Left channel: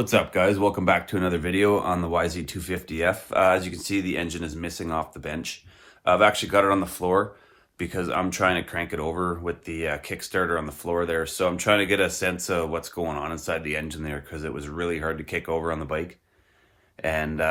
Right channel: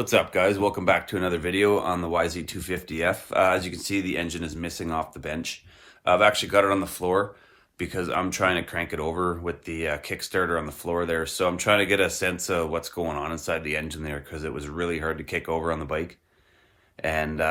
What's up, guys? Welcome back to another video on the YZ250F. As you can see, the engine is missing off the bench. I've actually got it on the floor because I'm trying to crank it over with the kickstarter on the floor there. So I'm trying to get a sense of what's going on inside the engine there, because it was really hard to kick over on the bike. And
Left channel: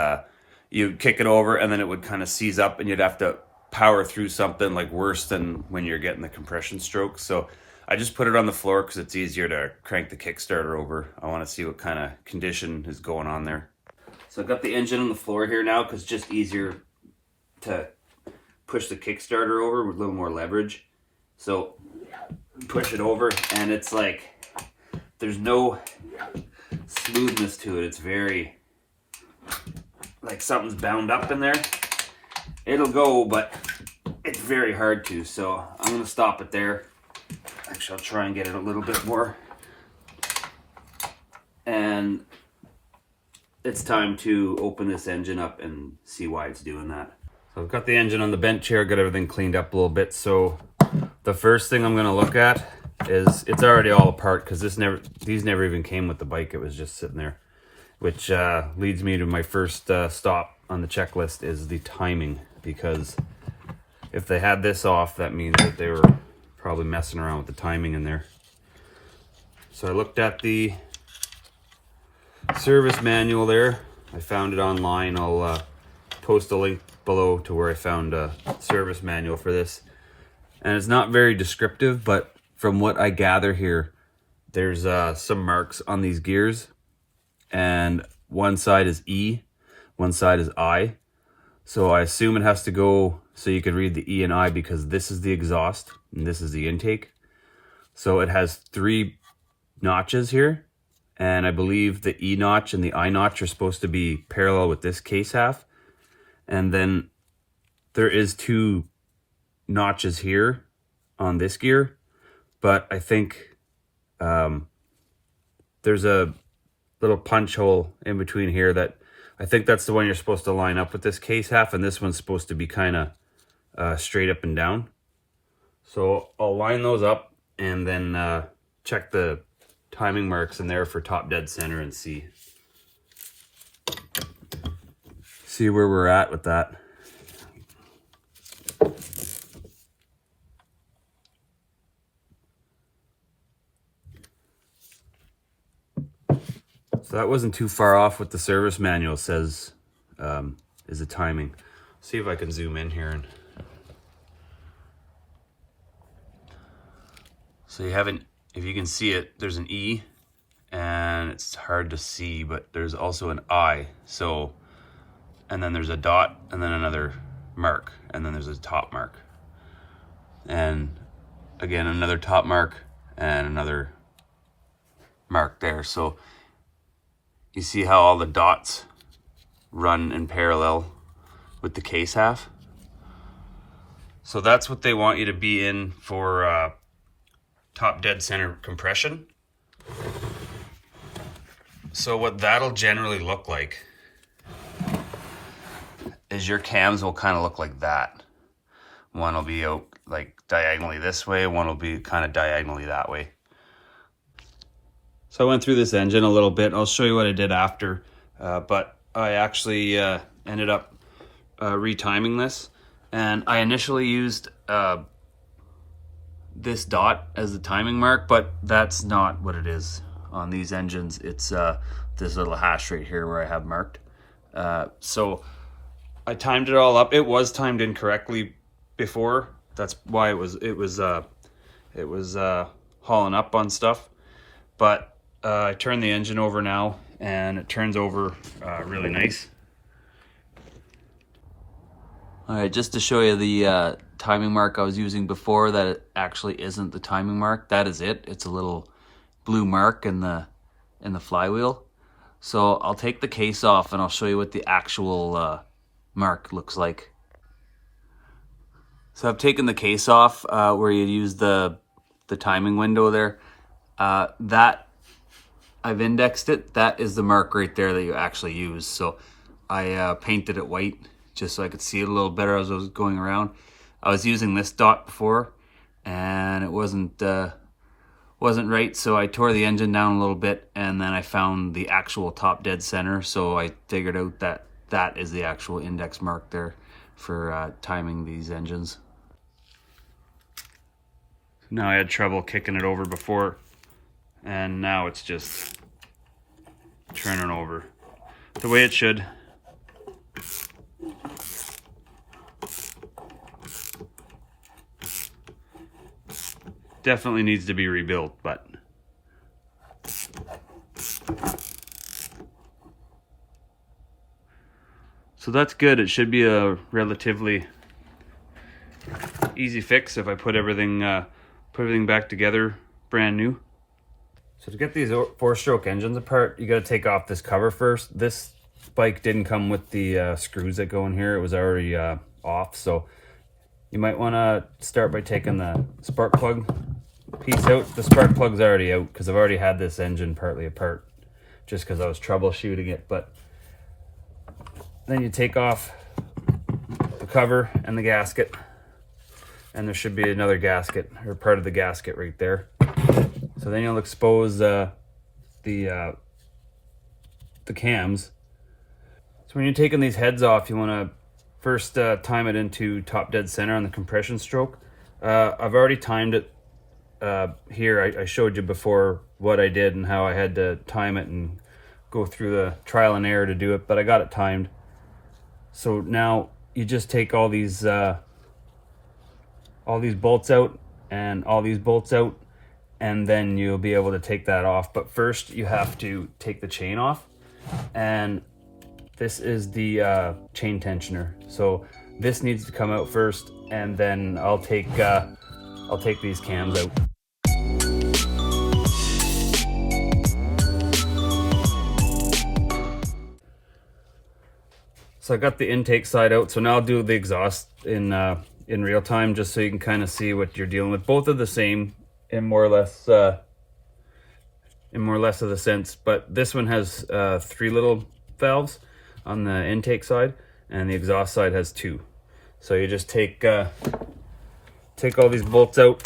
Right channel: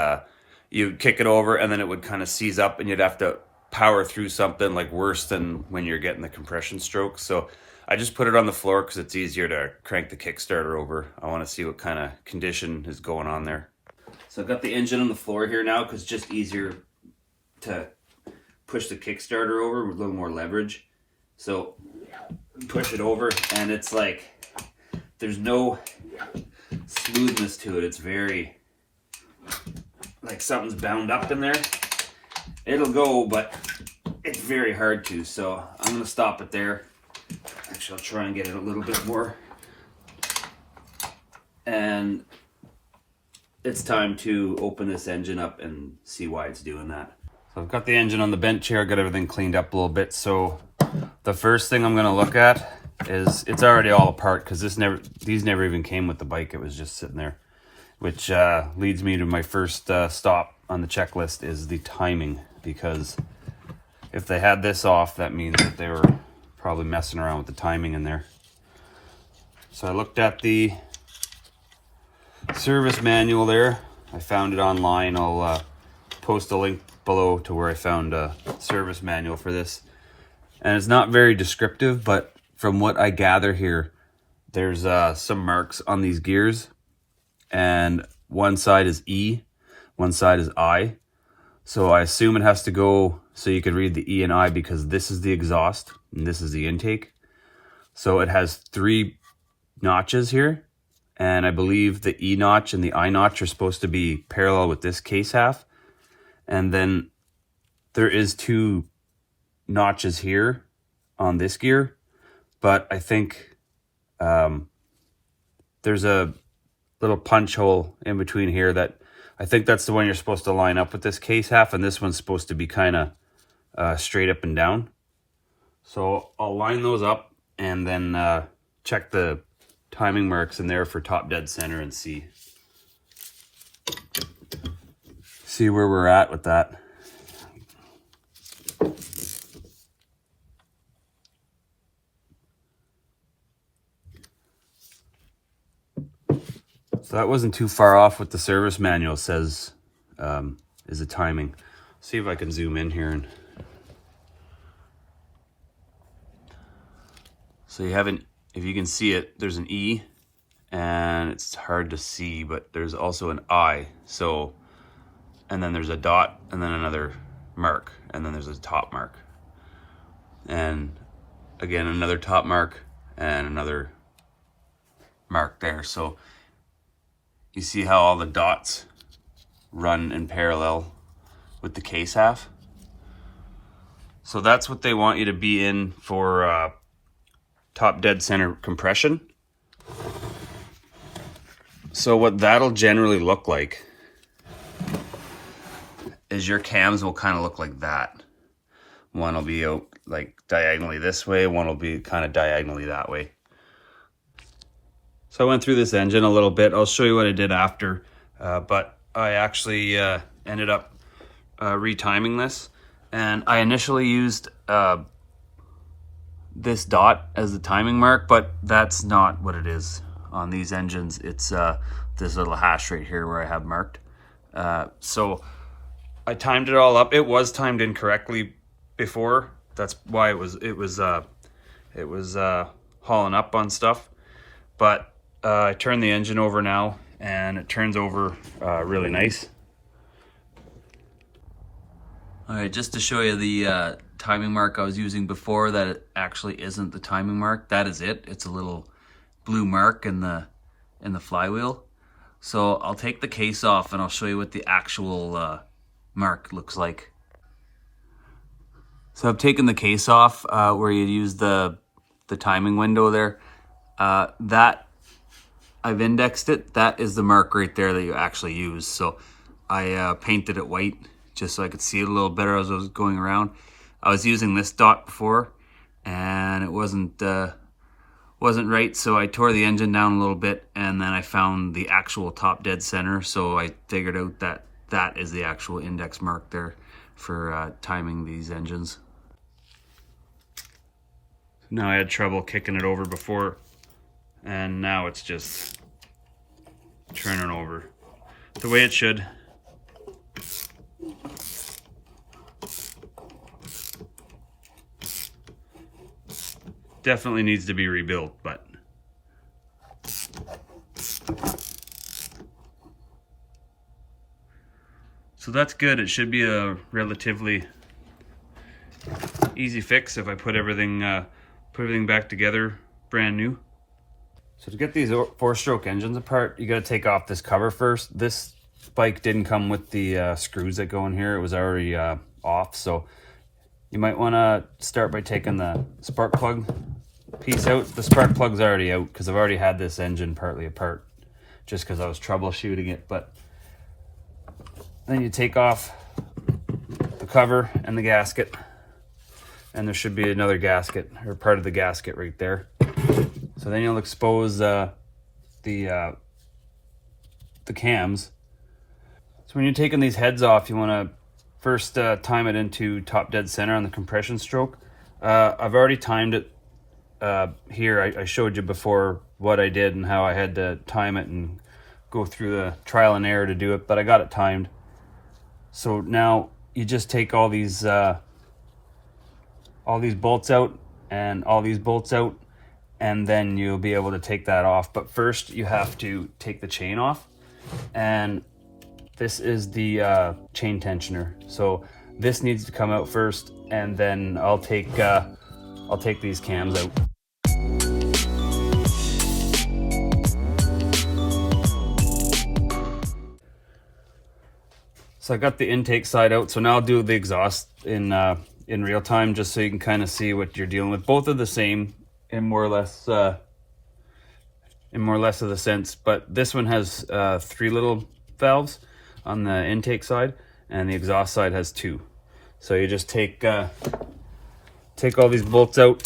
you kick it over and then it would kind of seize up and you'd have to power through something like worse than when you're getting the compression stroke. So I just put it on the floor because it's easier to crank the kickstarter over. I want to see what kind of condition is going on there. So I've got the engine on the floor here now because it's just easier to push the kickstarter over with a little more leverage. So push it over and it's like there's no smoothness to it. It's very like something's bound up in there. It'll go, but it's very hard to. So I'm going to stop it there. Actually, I'll try and get it a little bit more. And it's time to open this engine up and see why it's doing that. So I've got the engine on the bench here, got everything cleaned up a little bit. So the first thing I'm going to look at is it's already all apart because these never even came with the bike. It was just sitting there, which leads me to my first stop on the checklist is the timing, because if they had this off, that means that they were probably messing around with the timing in there. So I looked at the service manual there. I found it online. I'll post a link below to where I found a service manual for this. And it's not very descriptive, but from what I gather here, there's some marks on these gears. And one side is E, one side is I. So I assume it has to go so you can read the E and I, because this is the exhaust and this is the intake. So it has 3 notches here. And I believe the E notch and the I notch are supposed to be parallel with this case half. And then there is 2 notches here on this gear. But I think there's a little punch hole in between here that I think that's the one you're supposed to line up with this case half, and this one's supposed to be kind of straight up and down. So I'll line those up and then check the timing marks in there for top dead center and see where we're at with that. So that wasn't too far off what the service manual says is the timing. See if I can zoom in here. So you have an, if you can see it, there's an E, and it's hard to see, but there's also an I. So, and then there's a dot, and then another mark, and then there's a top mark. And again, another top mark, and another mark there. So you see how all the dots run in parallel with the case half? So that's what they want you to be in for top dead center compression. So what that'll generally look like is your cams will kind of look like that. One will be out like diagonally this way, one will be kind of diagonally that way. So I went through this engine a little bit. I'll show you what I did after, but I actually ended up retiming this. And I initially used this dot as the timing mark, but that's not what it is on these engines. It's this little hash right here where I have marked. So I timed it all up. It was timed incorrectly before. That's why it was hauling up on stuff. But I turned the engine over now, and it turns over really nice. All right, just to show you the timing mark I was using before, that it actually isn't the timing mark. That is it. It's a little blue mark in the flywheel. So I'll take the case off and I'll show you what the actual mark looks like. So I've taken the case off where you use the timing window there. That I've indexed it. That is the mark right there that you actually use. So I painted it white just so I could see it a little better as I was going around. I was using this dot before, and it wasn't wasn't right, so I tore the engine down a little bit, and then I found the actual top dead center, so I figured out that that is the actual index mark there for timing these engines. Now I had trouble kicking it over before, and now it's just turning over the way it should. Definitely needs to be rebuilt, but so that's good. It should be a relatively easy fix if I put everything back together brand new. So to get these 4-stroke engines apart, you got to take off this cover first. This bike didn't come with the screws that go in here. It was already off, so you might want to start by taking the spark plug piece out. The spark plug's already out because I've already had this engine partly apart just because I was troubleshooting it. But then you take off the cover and the gasket, and there should be another gasket or part of the gasket right there. So then you'll expose the cams. So when you're taking these heads off, you want to first time it into top dead center on the compression stroke. I've already timed it here. I showed you before what I did and how I had to time it and go through the trial and error to do it, but I got it timed. So now you just take all these bolts out and all these bolts out, and then you'll be able to take that off. But first you have to take the chain off, and this is the chain tensioner. So this needs to come out first, and then I'll take these cams out. So I got the intake side out. So now I'll do the exhaust in real time, just so you can kind of see what you're dealing with. Both are the same in more or less of the sense, but this one has 3 little valves on the intake side, and the exhaust side has 2. So you just take all these bolts out,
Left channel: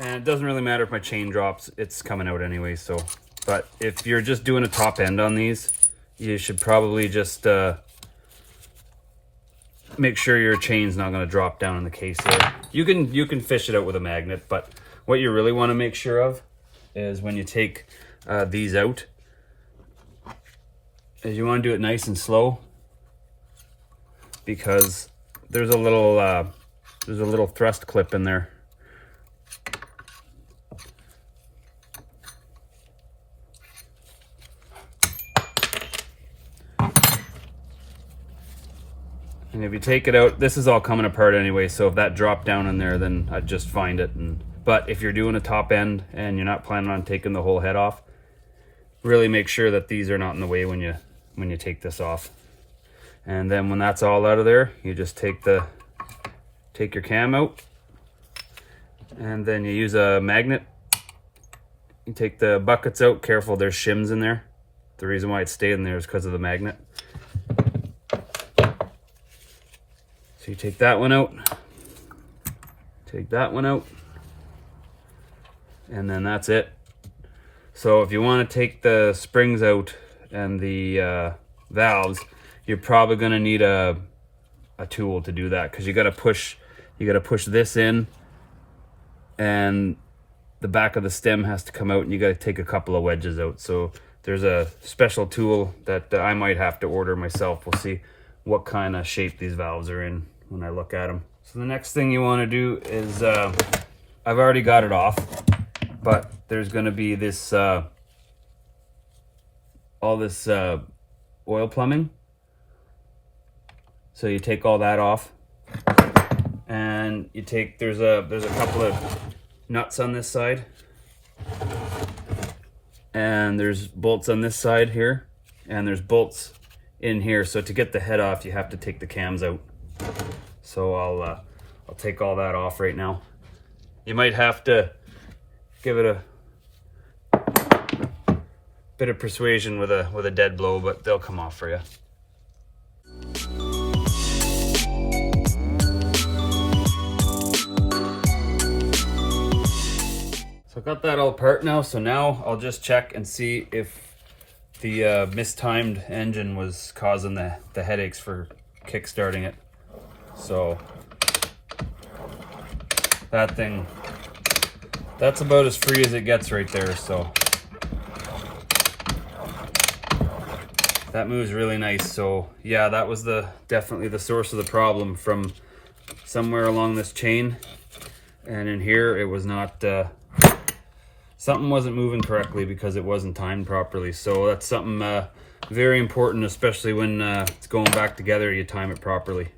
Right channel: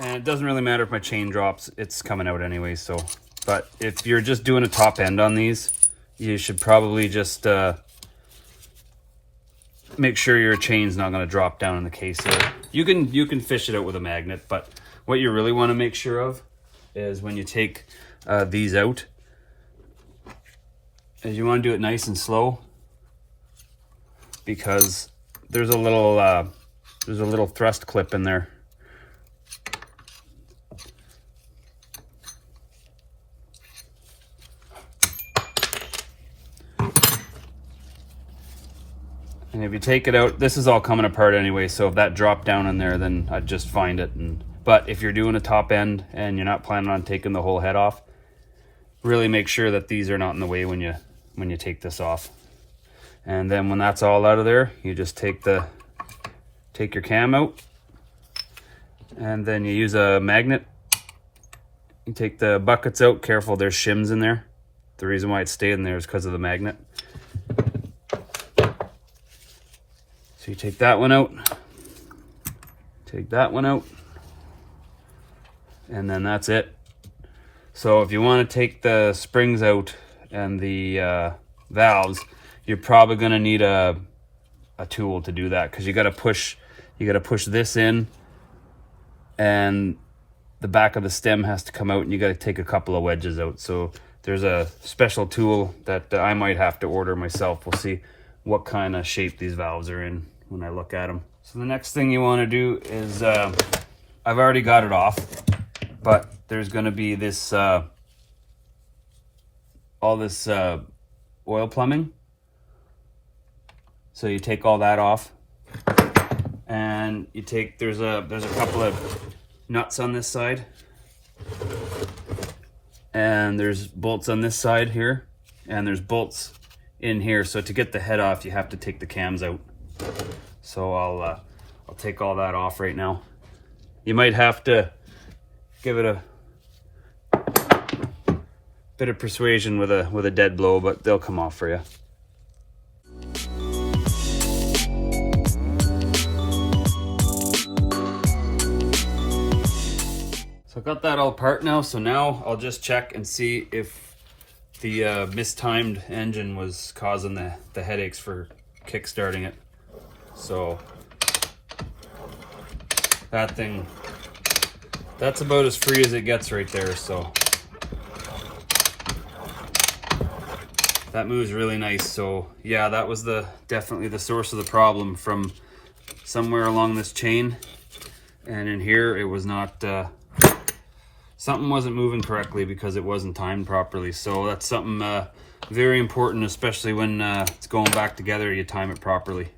and it doesn't really matter if my chain drops, it's coming out anyway. So, but if you're just doing a top end on these, you should probably just make sure your chain's not going to drop down in the case there. You can fish it out with a magnet, but what you really want to make sure of is when you take these out, is you want to do it nice and slow, because there's a little thrust clip in there. And if you take it out, this is all coming apart anyway, so if that dropped down in there, then I'd just find it. But if you're doing a top end and you're not planning on taking the whole head off, really make sure that these are not in the way when you take this off. And then when that's all out of there, you just take your cam out, and then you use a magnet. You take the buckets out. Careful, there's shims in there. The reason why it's staying there is because of the magnet. So you take that one out, take that one out, and then that's it. So if you want to take the springs out and the valves, you're probably going to need a tool to do that, because you got to push this in, and the back of the stem has to come out, and you got to take a couple of wedges out. So there's a special tool that I might have to order myself. We'll see what kind of shape these valves are in when I look at them. So the next thing you want to do is, I've already got it off, but there's going to be this all this oil plumbing. So you take all that off, and you take, there's a couple of nuts on this side, and there's bolts on this side here, and there's bolts in here. So to get the head off, you have to take the cams out. So I'll take all that off right now. You might have to give it a bit of persuasion with a dead blow, but they'll come off for you. got that all apart now, so now I'll just check and see if the mistimed engine was causing the headaches for kickstarting it. So that thing, that's about as free as it gets right there. So that moves really nice. So yeah, that was definitely the source of the problem, from somewhere along this chain. And in here, it was not, something wasn't moving correctly because it wasn't timed properly. So that's something very important, especially when it's going back together, you time it properly.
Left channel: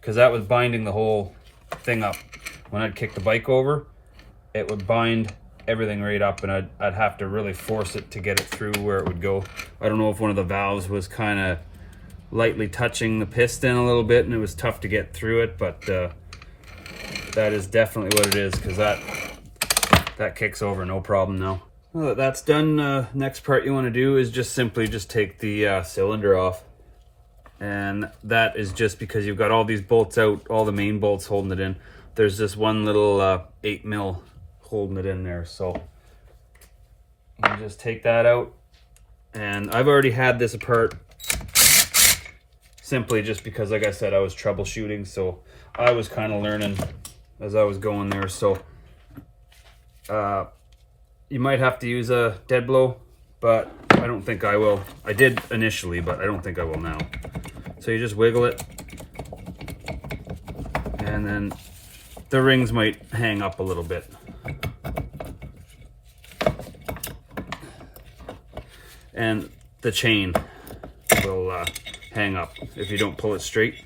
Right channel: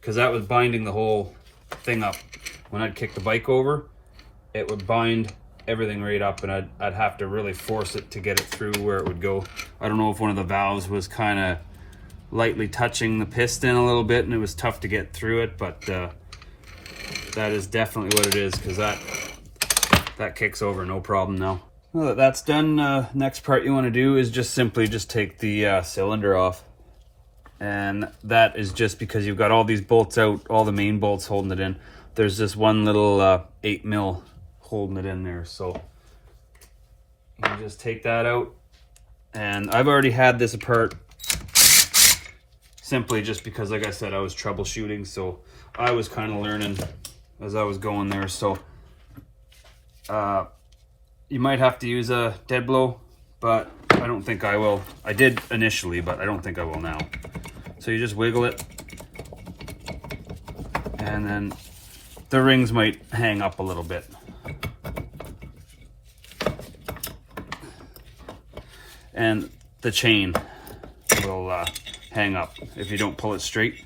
Because that was binding the whole thing up. When I'd kick the bike over, it would bind everything right up, and I'd have to really force it to get it through where it would go. I don't know if one of the valves was kind of lightly touching the piston a little bit and it was tough to get through it, but that is definitely what it is, because that kicks over no problem now. Well, that that's done, next part you want to do is just simply take the cylinder off. And that is just because you've got all these bolts out, all the main bolts holding it in. There's this one little 8 mil holding it in there. So you just take that out. And I've already had this apart simply just because, like I said, I was troubleshooting. So I was kind of learning as I was going there. So you might have to use a dead blow, but I don't think I will. I did initially, but I don't think I will now. So you just wiggle it, and then the rings might hang up a little bit. And the chain will hang up if you don't pull it straight.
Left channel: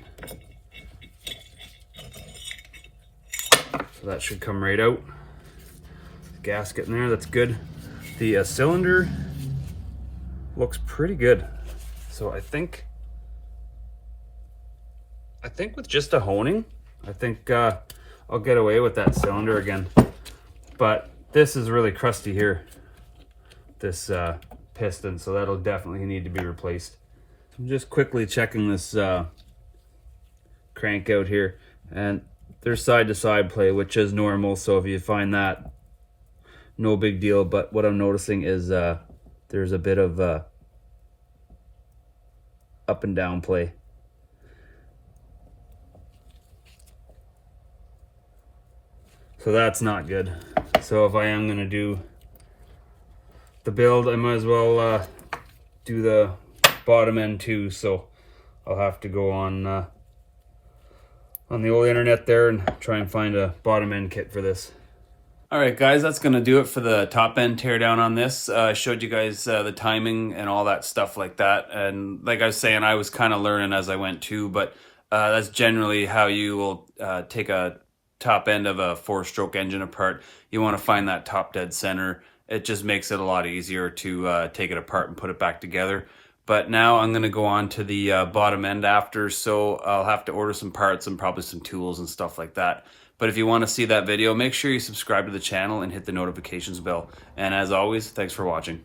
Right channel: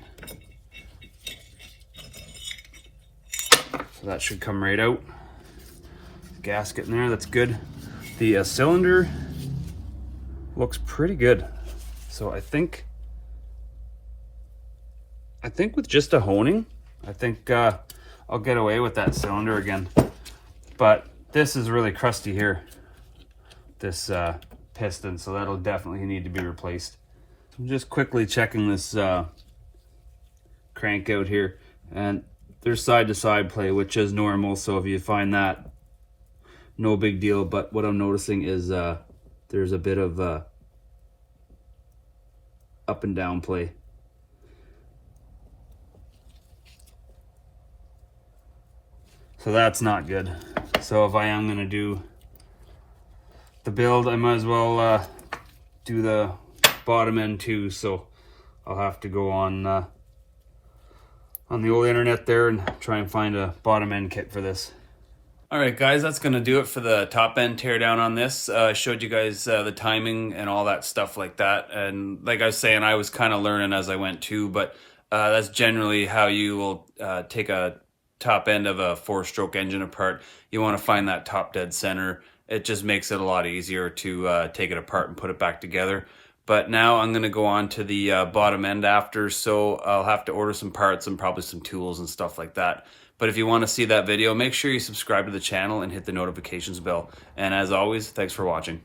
So that should come right out. Gasket in there, that's good. The cylinder looks pretty good. So I think with just a honing, I think I'll get away with that cylinder again. But this is really crusty here, this piston, so that'll definitely need to be replaced. I'm just quickly checking this crank out here, and there's side to side play, which is normal, so if you find that, no big deal. But what I'm noticing is there's a bit of up and down play. So that's not good. So if I am going to do the build, I might as well do the bottom end too. So I'll have to go on the old internet there and try and find a bottom end kit for this. All right, guys, that's going to do it for the top end teardown on this. I showed you guys the timing and all that stuff like that. And like I was saying, I was kind of learning as I went too, but that's generally how you will take a top end of a 4-stroke engine apart. You want to find that top dead center. It just makes it a lot easier to take it apart and put it back together. But now I'm going to go on to the bottom end after, so I'll have to order some parts and probably some tools and stuff like that. But if you want to see that video, make sure you subscribe to the channel and hit the notifications bell. And as always, thanks for watching.